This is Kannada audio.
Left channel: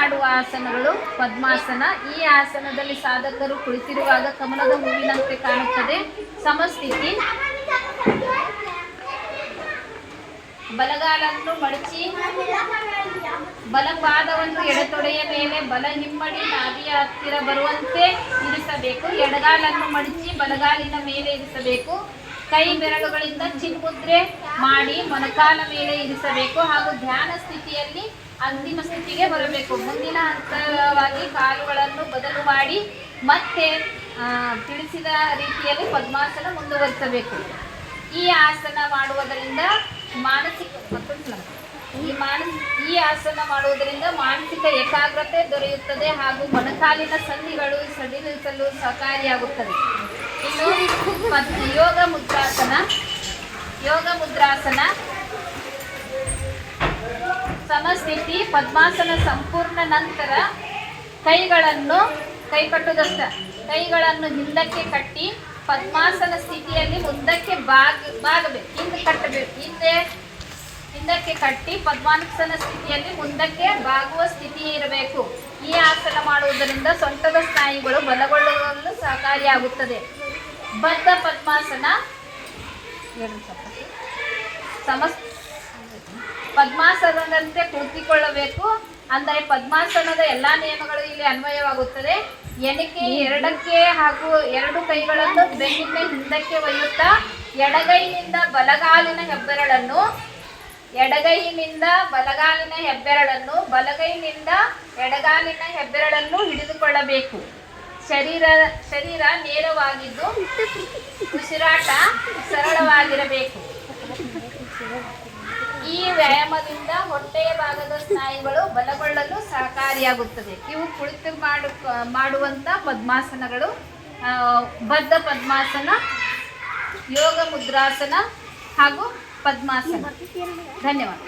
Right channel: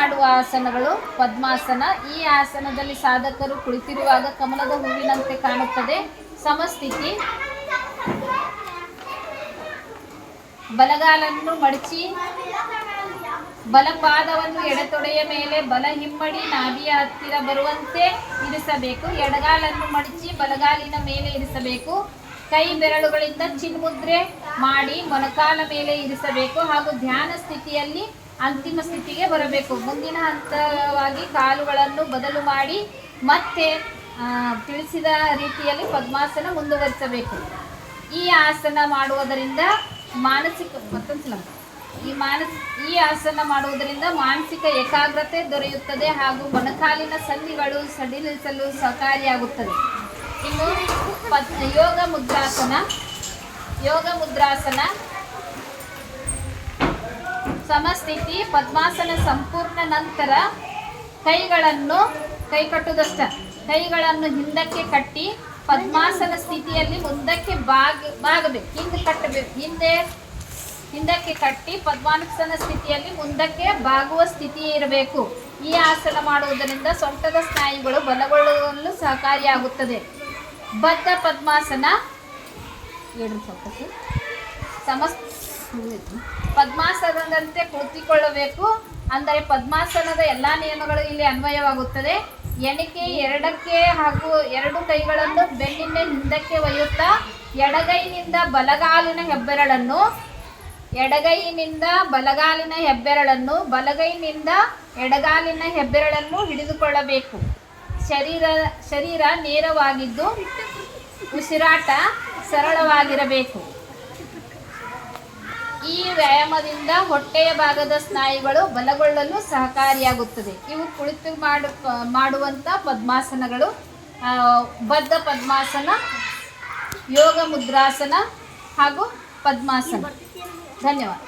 ಮಾಡುವ ಆಸನಗಳು, ಪದ್ಮಾಸನ. ಈ ಆಸನದಲ್ಲಿ ಸಾಧಕರು ಕುಳಿತಿರುವಾಗ ಕಮಲದ ಹೂವಿನಂತೆ ಕಾಣುತ್ತದೆ. ಸಮಸ್ಥಿತಿ. ಬಲಗಾಲನ್ನು ಮಡಚಿ, ಬಲಪಾದವನ್ನು ಎಡತೊಡೆಯ ಮೇಲೆ ಬಲ ಹಿಮ್ಮಡಿ ನಾಭಿಯ ಹತ್ತಿರ ಬರುವಂತೆ ಇರಿಸಬೇಕು. ಎಡಗಾಲನ್ನು ಮಡಚಿ ಬಲಗಾಲಿನ ಮೇಲೆ ಇರಿಸಬೇಕು. ಕೈ ಬೆರಳುಗಳಿಂದ ಚಿನ್ಮುದ್ರೆ ಮಾಡಿ ಮೊಣಕಾಲ ಮೇಲೆ ಇರಿಸಬೇಕು. ಹಾಗೂ ಧ್ಯಾನ ಸ್ಥಿತಿಯಲ್ಲಿ ಅಂತಿಮ ಸ್ಥಿತಿಗೆ ಬರಬೇಕು. ಮುಂದಿನ ಹಂತವಾಗಿ ಕಾಲುಗಳನ್ನು ಬದಲು ಮಾಡಿ ಮತ್ತೆ ತಿಳಿಸಿದ ರೀತಿಯಲ್ಲಿ ಪದ್ಮಾಸನ ಮುಂದುವರಿಸಬೇಕು. ಈ ಆಸನ ಮಾಡುವುದರಿಂದ ಮಾನಸಿಕ, ಮತ್ತೊಂದು ಈ ಮಾನಸ, ಈ ಆಸನ ಮಾಡುವುದರಿಂದ ಮಾನಸಿಕ ಏಕಾಗ್ರತೆ ದೊರೆಯುತ್ತದೆ ಹಾಗೂ ಮೊಣಕಾಲಿನ ಸಂಧಿಗಳು ಸಡಿಲಿಸಲು ಸಹಕಾರಿಯಾಗುತ್ತದೆ. ಇನ್ನು ಯೋಗ ಮುದ್ರಾಸನ ಯೋಗ ಮುದ್ರಾಸನ ಸಮಸ್ಥಿತಿ ಪದ್ಮಾಸನ ಸಂಪೂರ್ಣ ನಂತರ ಕೈಗಳನ್ನು ಕೈ ಕಟ್ಟುದಷ್ಟ ಕೈಗಳನ್ನು ಹಿಂದಕ್ಕೆ ಕಟ್ಟಿ ಪದ್ಮಾಸನ ಸ್ಥಿತಿಯಲ್ಲಿ ಮುಂದಕ್ಕೆ ಬಾಗ ಬಾಗಬೇಕು. ಹಿಂದೆ ಕಟ್ಟಬೇಕು. ಹಿಂದೆ ಹಿಂದಕ್ಕೆ ಕಟ್ಟಿ ಪದ್ಮಾಸನ ಸ್ಥಿತಿಯಲ್ಲಿ ಮುಂದಕ್ಕೆ ಬಾಗುವ ಸ್ಥಿತಿ ಇರಬೇಕು. ಈ ಆಸನ ಮಾಡುವುದರಿಂದ ಸೊಂಟದ ಸ್ನಾಯುಗಳು ಬಲಗೊಳ್ಳಲು ಸಹಕಾರಿಯಾಗುತ್ತದೆ. ಬದ್ಧ ಪದ್ಮಾಸನ ಸಮಸ್ತ ಪದ್ಮಾಸನದಂತೆ ಕುಳಿತುಕೊಳ್ಳಬೇಕು ಅಂದರೆ ಪದ್ಮಾಸನದ ಎಲ್ಲಾ ನಿಯಮಗಳು ಇಲ್ಲಿ ಅನ್ವಯವಾಗುತ್ತದೆ. ಎಣಿಕೆ ಎರಡಕ್ಕೆ ಹಾಗೂ ಎರಡು ಕೈಗಳನ್ನು ಬೆನ್ನಿನ ಹಿಂದಕ್ಕೆ ಒಯ್ಯುತ್ತಾ ಎಡಗೈನಿಂದ ಬಲಗಾಲಿನ ಹೆಬ್ಬೆರಳನ್ನು, ಎಡಗೈನಿಂದ ಬಲಗಾಲಿನ ಹೆಬ್ಬೆರಳನ್ನು, ಬಲಗೈನಿಂದ ಎಡಗಾಲಿನ ಹೆಬ್ಬೆರಳನ್ನು ಹಿಡಿದುಕೊಳ್ಳಬೇಕು. ಶರೀರ ಶರೀರ ನೇರವಾಗಿದ್ದು ಉಸಿರಾಟ ಸರಳವಾಗಿರಬೇಕು. ಈ ವ್ಯಾಯಾಮದಿಂದ ಹೊಟ್ಟೆಯ ಭಾಗದ ಸ್ನಾಯುಗಳು ಬಲಗೊಳ್ಳಲು ಸಹಕಾರಿಯಾಗುತ್ತದೆ. ಇವು ಕುಳಿತು ಮಾಡು ಮಾಡುವಂಥ ಪದ್ಮಾಸನಗಳು. ಬದ್ಧ ಪದ್ಮಾಸನ, ಯೋಗ ಮುದ್ರಾಸನ ಹಾಗೂ ಪದ್ಮಾಸನ. ಧನ್ಯವಾದ.